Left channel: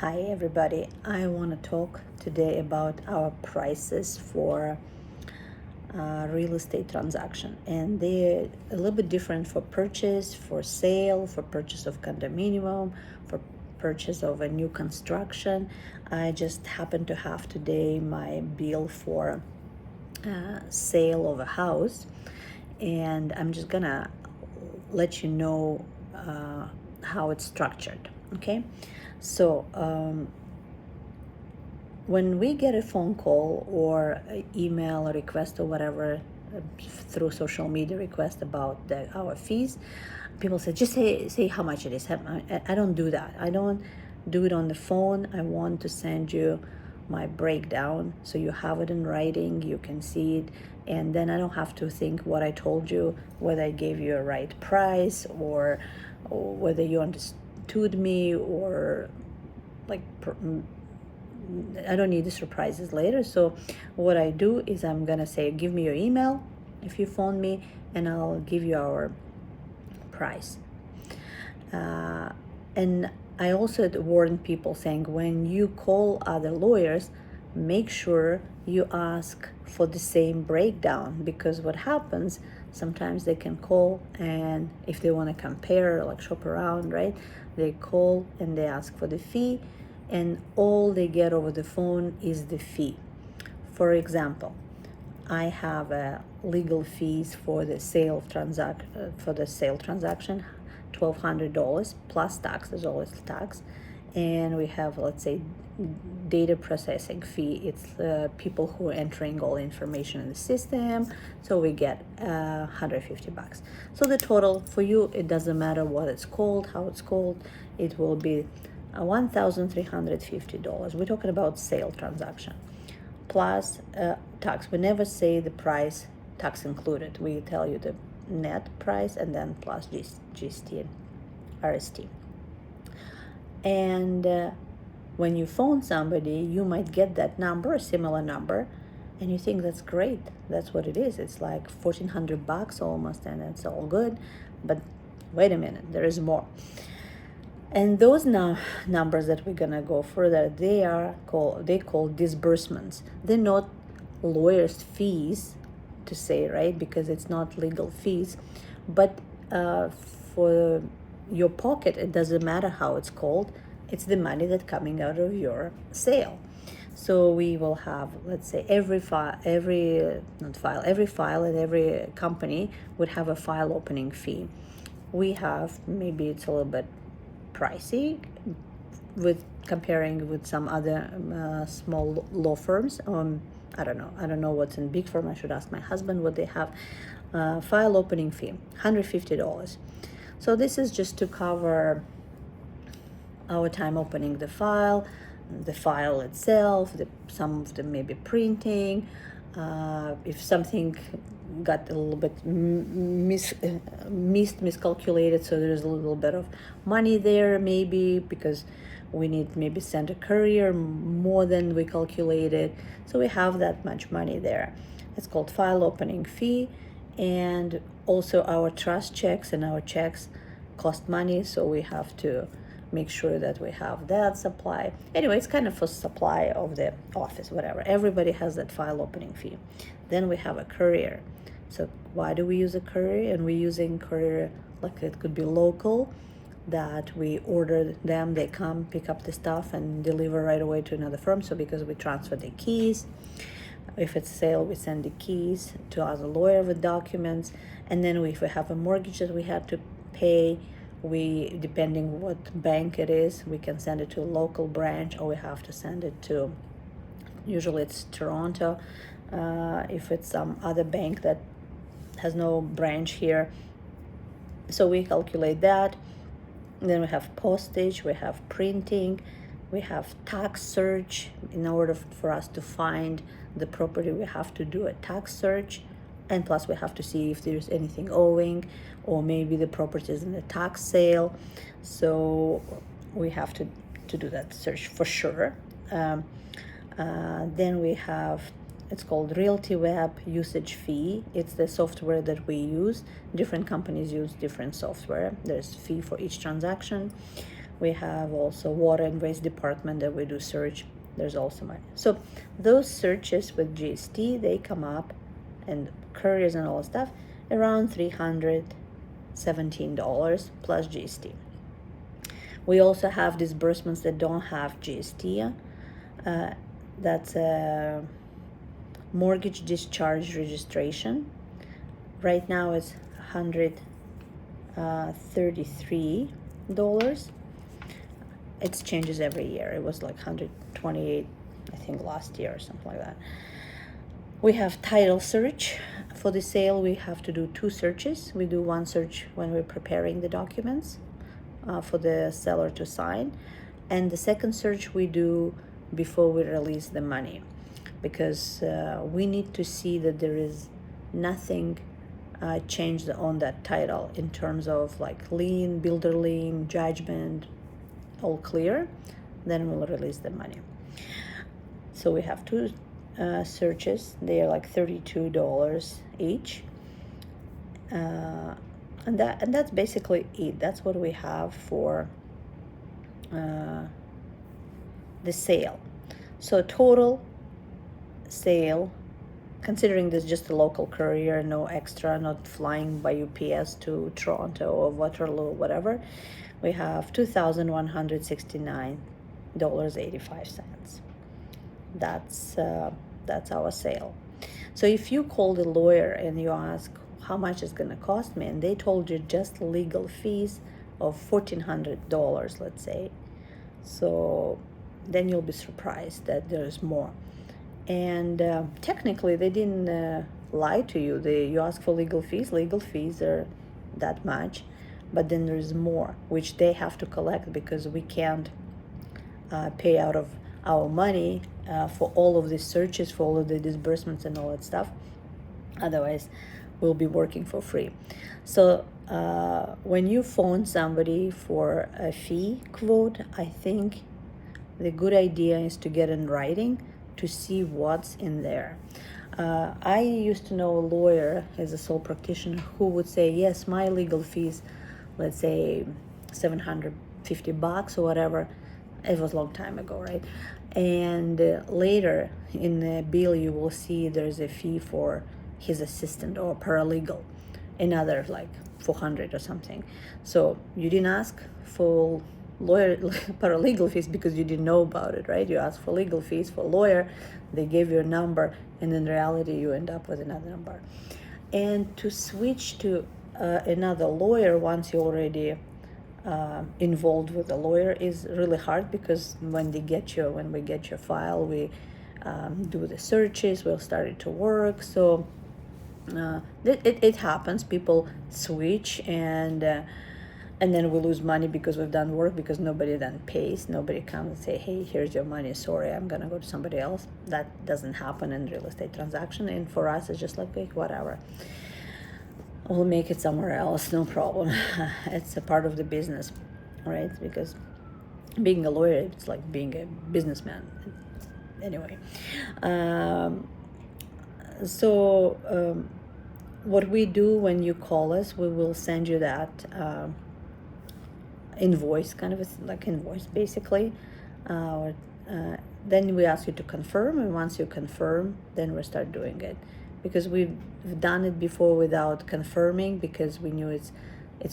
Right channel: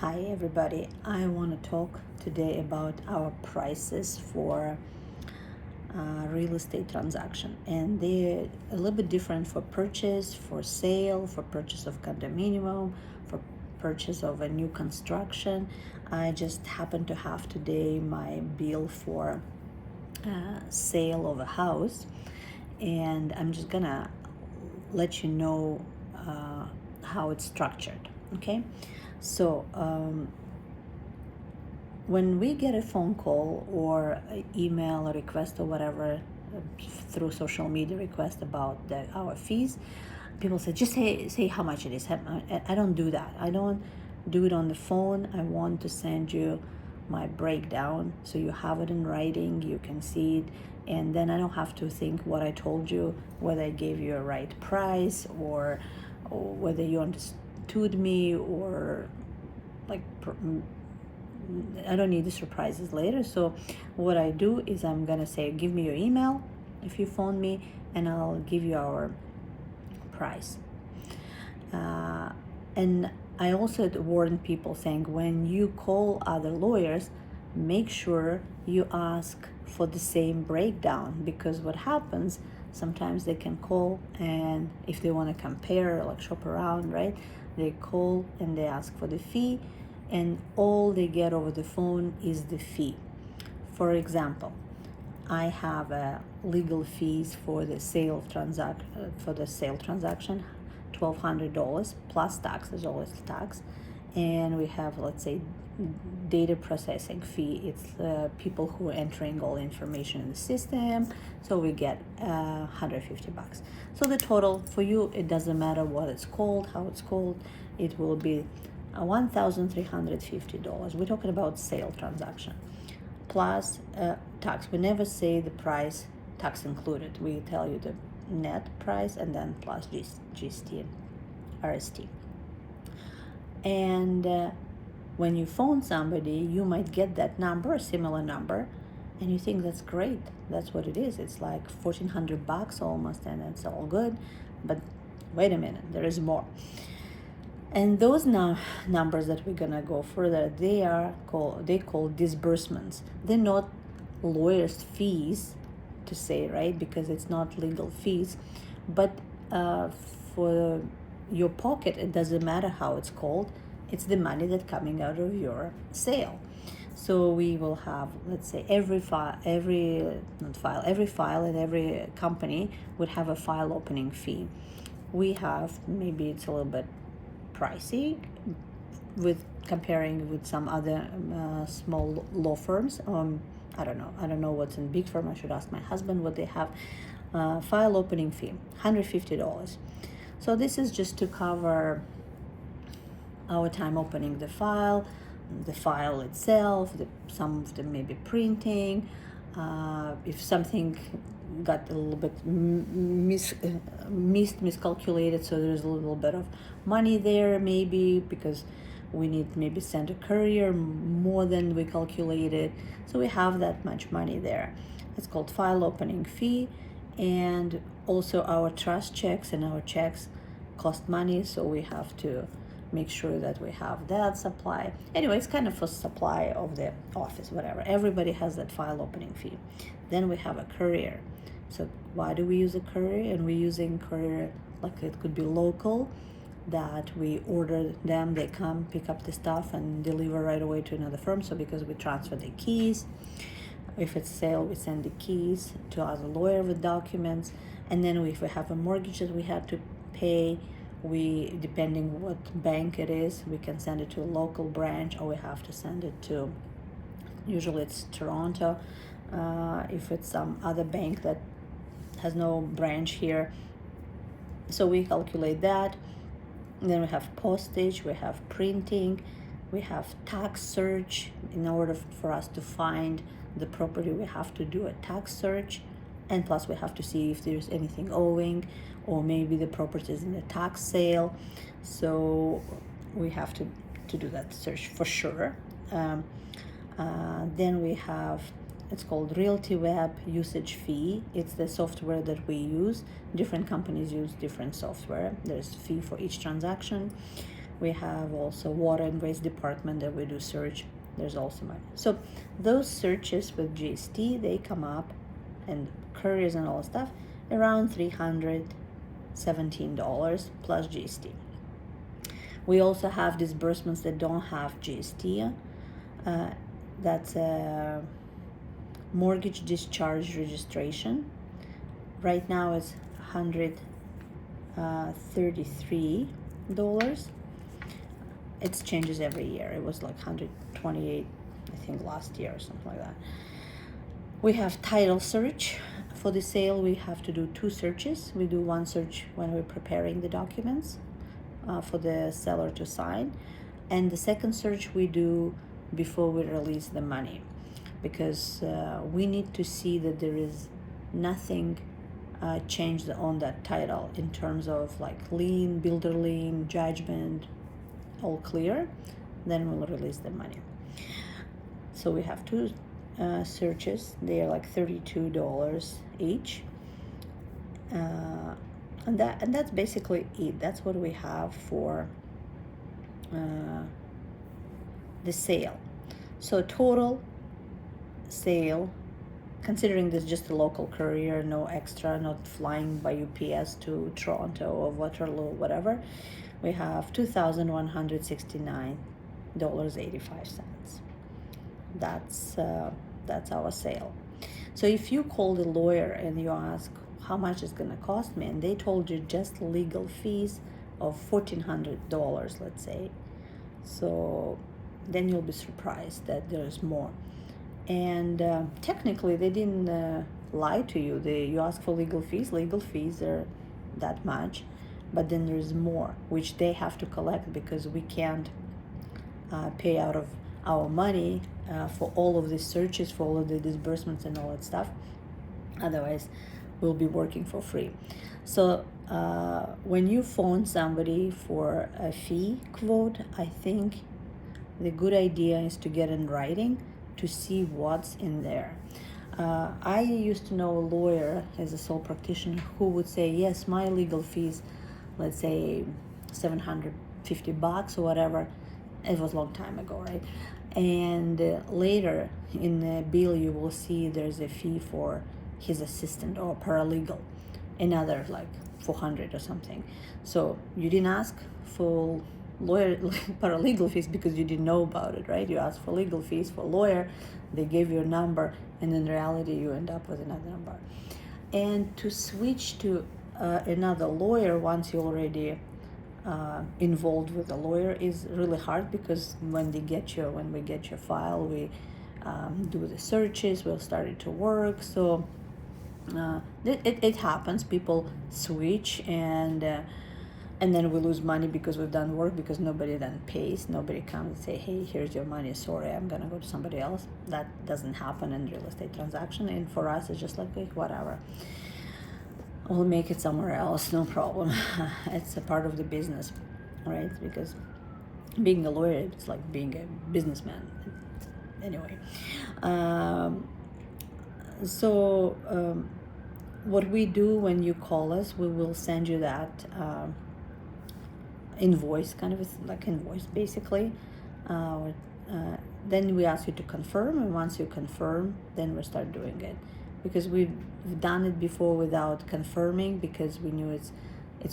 Hi everybody, I want to talk today about our prices for real estate transaction, and they're a little bit different for purchase, for sale, for purchase of condominium, for purchase of a new construction. I just happen to have today my bill for sale of a house, and I'm just gonna let you know how it's structured. Okay, so when we get a phone call or an email, a request or whatever through social media request about our fees, people say, just say how much it is. I don't do that. I don't do it on the phone. I want to send you my breakdown so you have it in writing, you can see it, and then I don't have to think what I told you, whether I gave you a right price, or whether you understood me, or like I don't need the surprises later. So what I do is I'm gonna say, give me your email if you phone me, and I'll give you our price. And I also warn people saying, when you call other lawyers, make sure you ask for the same breakdown, because what happens, sometimes they can call, and if they want to compare, like shop around, right, they call and they ask for the fee, and all they get over the phone is the fee. For example, I have legal fees for the sale transaction, $1,200 plus tax. There's always tax, and we have, let's say, data processing fee. It's people who are entering all information in the system, so we get $150. So the total for you, it doesn't matter what it's called, how it's called, it will be $1,350. We're talking about sale transaction plus tax. We never say the price, tax included. We tell you the net price and then plus GST, RST. And when you phone somebody, you might get that number, a similar number, and you think that's great. That's what it is. It's like $1,400 almost, and it's all good. But wait a minute, there is more. And those numbers that we're gonna go further, they call disbursements. They're not lawyers' fees, to say, right? Because it's not legal fees. But for your pocket, it doesn't matter how it's called. It's the money that's coming out of your sale. So we will have, let's say, every file and every company would have a file opening fee. We have, maybe it's a little bit pricey with comparing with some other small law firms. I don't know what's in big firm. I should ask my husband what they have. File opening fee, $150. So this is just to cover our time opening the file itself, some of them maybe printing, if something got a little bit miscalculated, so there's a little bit of money there, maybe because we need maybe send a courier more than we calculated, so we have that much money there. It's called file opening fee. And also our trust checks and our checks cost money, so we have to make sure that we have that supply. Anyway, it's kind of for supply of the office, whatever. Everybody has that file opening fee. Then we have a courier. So why do we use a courier? And we're using courier, like it could be local, that we order them, they come pick up the stuff and deliver right away to another firm. So because we transfer the keys, if it's sale, we send the keys to other lawyer with documents. And then if we have a mortgage that we have to pay, we, depending what bank it is, we can send it to a local branch, or we have to send it to, usually it's Toronto. If it's some other bank that has no branch here, so we calculate that. And then we have postage, we have printing, we have tax search. In order for us to find the property, we have to do a tax search, and plus we have to see if there's anything owing, or maybe the property is in a tax sale, so we have to do that search for sure. Then we have, it's called Realty Web usage fee. It's the software that we use. Different companies use different software. There's fee for each transaction. We have also water and waste department that we do search. There's also money. So those searches with GST, they come up, and couriers and all that stuff, around $317 plus GST. We also have disbursements that don't have GST. That's a mortgage discharge registration. Right now it's $133. It changes every year. It was like 128, I think, last year or something like that. We have title search. For the sale, we have to do 2 searches. We do 1 search when we're preparing the documents for the seller to sign, and the second search we do before we release the money, because we need to see that there is nothing changed on that title in terms of like lien, builder lien, judgment, all clear. Then we'll release the money. So we have 2 searches. They are like $32 each, and that's basically it. That's what we have for the sale. So total sale, considering this just a local courier, no extra, not flying by UPS to Toronto or Waterloo, whatever, we have $2,169.85. That's our sale. So if you call the lawyer and you ask how much it's going to cost me, and they told you just legal fees of $1,400, let's say, so then you'll be surprised that there's more. And technically they didn't lie to you. You ask for legal fees are that much, but then there's more which they have to collect, because we can't pay out of our money for all of these searches, for all of the disbursements and all that stuff. Otherwise we'll be working for free. So when you phone somebody for a fee quote, I think the good idea is to get in writing to see what's in there. I used to know a lawyer, as a sole practitioner, who would say, yes, my legal fees, let's say $750 or whatever. It was a long time ago, right? And later in the bill you will see there's a fee for his assistant or paralegal, another like $400 or something. So you didn't ask for lawyer paralegal fees because you didn't know about it, right? You asked for legal fees for lawyer, they gave you a number, and in reality you end up with another number. And to switch to another lawyer once you already involved with a lawyer is really hard, because when we get your file, we do the searches, we'll start it to work. So it happens, people switch, and then we lose money because we've done work, because nobody then pays. Nobody comes and say, hey, here's your money, sorry, I'm gonna go to somebody else. That doesn't happen in real estate transaction. And for us, it's just like, hey, whatever, we'll make it somewhere else, no problem. It's a part of the business, right? Because being a lawyer, it's like being a businessman. Anyway, what we do when you call us, we will send you that invoice, kind of like invoice basically. Then we ask you to confirm, and once you confirm, then we start doing it. Because we've done it before without confirming, because we knew it's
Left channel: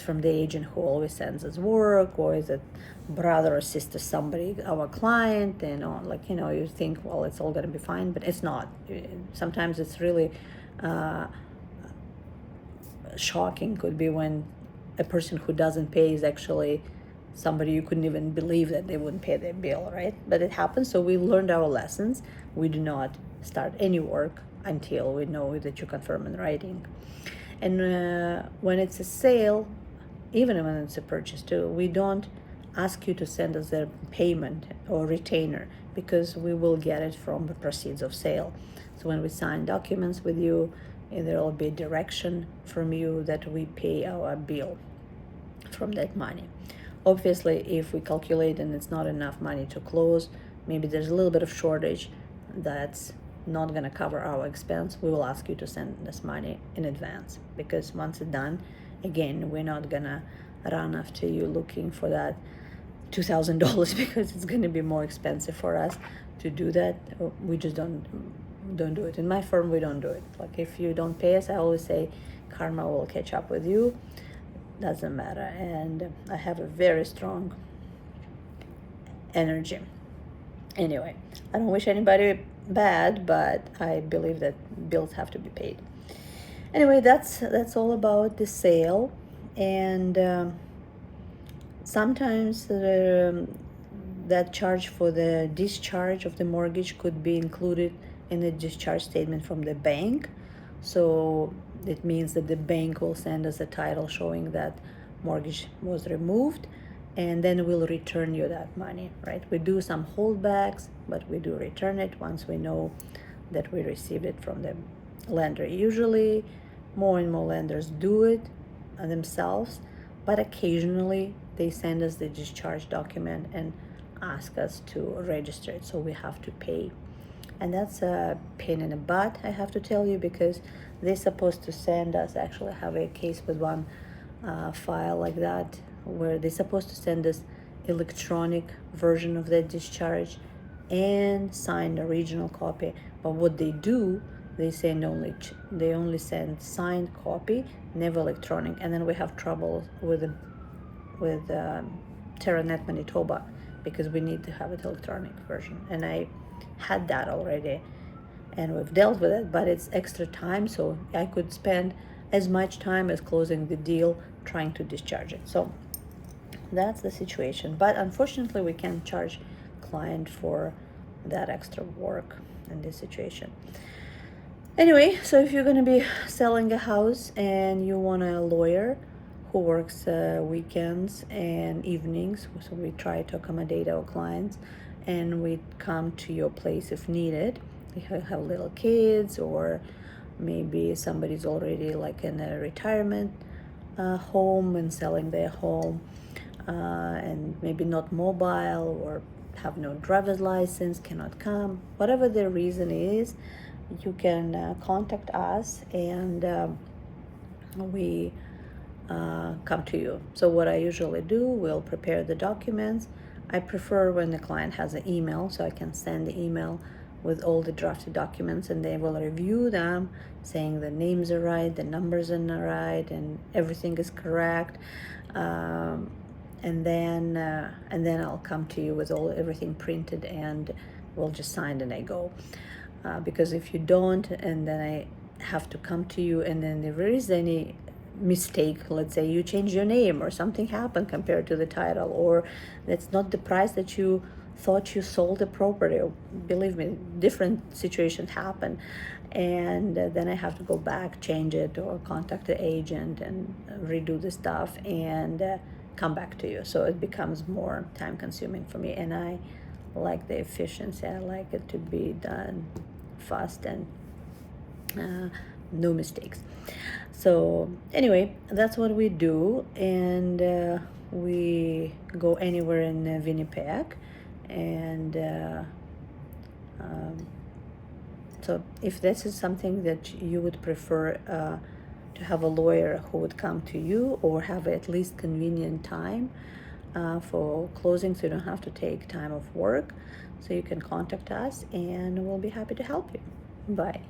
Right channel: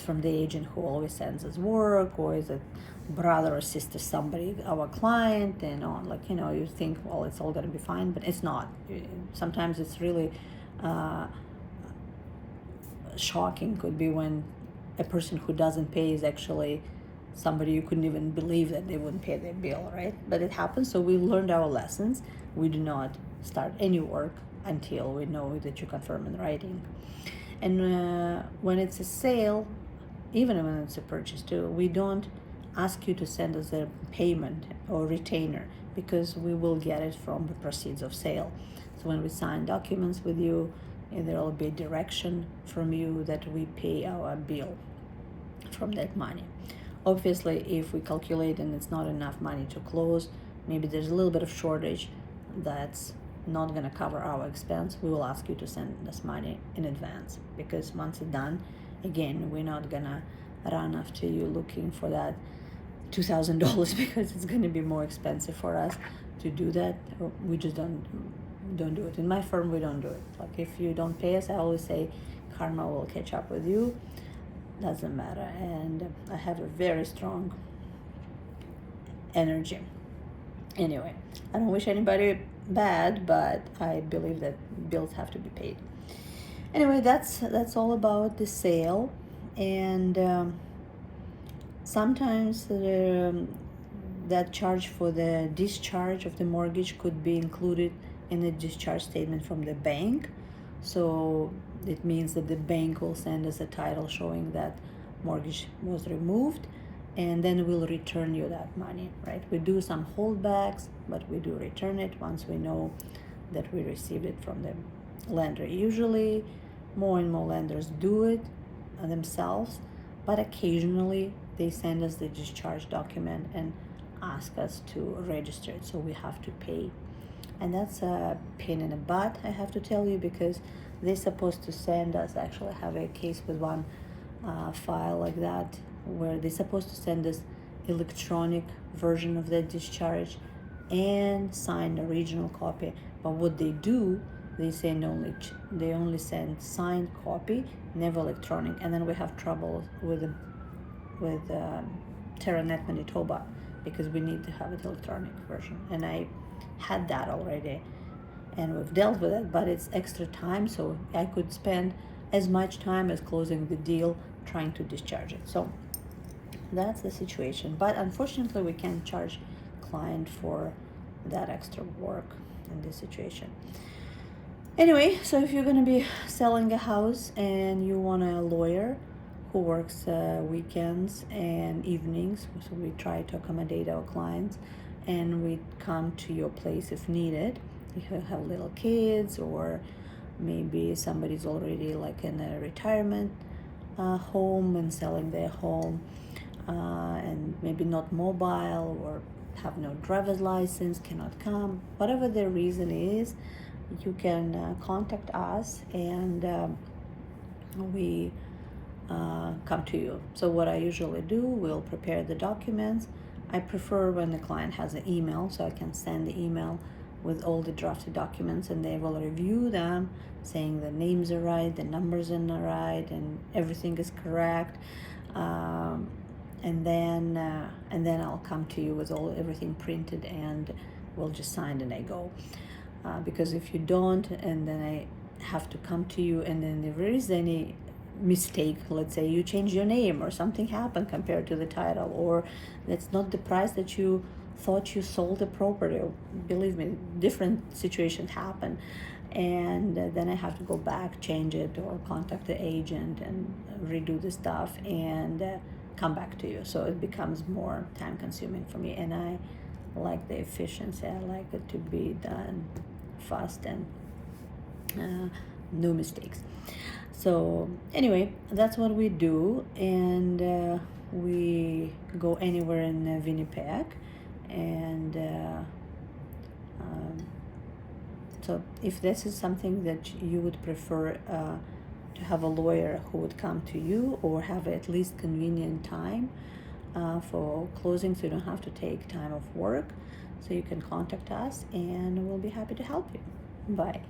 from the agent who always sends us work, or is it brother or sister, somebody, our client, and on, like, you think, well, it's all gonna be fine, but it's not. Sometimes it's really shocking, could be when a person who doesn't pay is actually somebody you couldn't even believe that they wouldn't pay their bill, right? But it happens. So we learned our lessons. We do not start any work until we know that you confirm in writing. And when it's a sale, even when it's a purchase too, we don't ask you to send us a payment or retainer, because we will get it from the proceeds of sale. So when we sign documents with you, there will be direction from you that we pay our bill from that money. Obviously, if we calculate and it's not enough money to close, maybe there's a little bit of shortage that's not going to cover our expense, we will ask you to send this money in advance, because once it's done, again, we're not going to run after you looking for that $2,000 because it's going to be more expensive for us to do that. We just don't do it. In my firm, we don't do it. Like, if you don't pay us, I always say karma will catch up with you. Doesn't matter. And I have a very strong energy. Anyway, I don't wish anybody bad, but I believe that bills have to be paid. Anyway, that's all about the sale. And sometimes that charge for the discharge of the mortgage could be included in the discharge statement from the bank. So it means that the bank will send us a title showing that mortgage was removed, and then we'll return you that money, right? We do some holdbacks, but we do return it once we know that we received it from the lender. Usually more and more lenders do it themselves, but occasionally they send us the discharge document and ask us to register it, so we have to pay. And that's a pain in the butt, I have to tell you, because they're supposed to send us, actually I have a case with one file like that, where they're supposed to send us electronic version of the discharge and sign the original copy. But what they do, they only send signed copy, never electronic, and then we have trouble with TerraNet Manitoba, because we need to have an electronic version. And I had that already, and we've dealt with it, but it's extra time, so I could spend as much time as closing the deal trying to discharge it. So that's the situation. But unfortunately, we can't charge client for that extra work in this situation. Anyway, so if you're going to be selling a house and you want a lawyer who works weekends and evenings, so we try to accommodate our clients, and we come to your place if needed. If you have little kids, or maybe somebody's already like in a retirement home and selling their home, and maybe not mobile, or have no driver's license, cannot come, whatever the reason is, you can contact us, and we come to you. So what I usually do, we'll prepare the documents. I prefer when the client has an email, so I can send the email with all the drafted documents, and they will review them, saying the names are right, the numbers are right, and everything is correct. And then I'll come to you with everything printed, and we'll just sign and I go. Because if you don't, and then I have to come to you, and then there is any mistake, let's say you change your name or something happened compared to the title, or that's not the price that you thought you sold the property, believe me, different situations happen, and then I have to go back, change it, or contact the agent and redo the stuff and come back to you. So it becomes more time consuming for me, and I like the efficiency. I like it to be done fast and no mistakes. So anyway, that's what we do, and we go anywhere in Winnipeg, and so if this is something that you would prefer to have a lawyer who would come to you, or have at least convenient time for closing, so you don't have to take time off work, so you can contact us and we'll be happy to help you. Bye.